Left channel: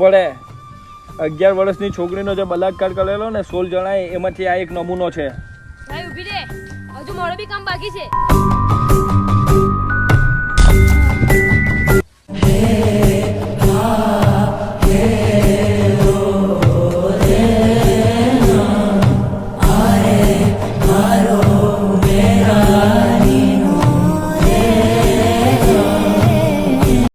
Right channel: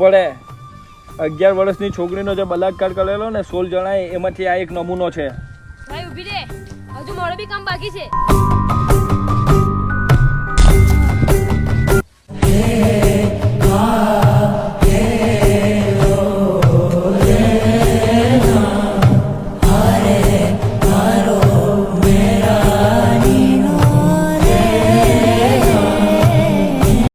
પડે 11 વર્ષની છોકરીનો જે બલાત્કાર કરેલો ને 16 જણાએ એમાંથી આ એક નમૂનો છે. ભાઈ ઊભી રે, હજુ મારું બી કામ બાકી છે.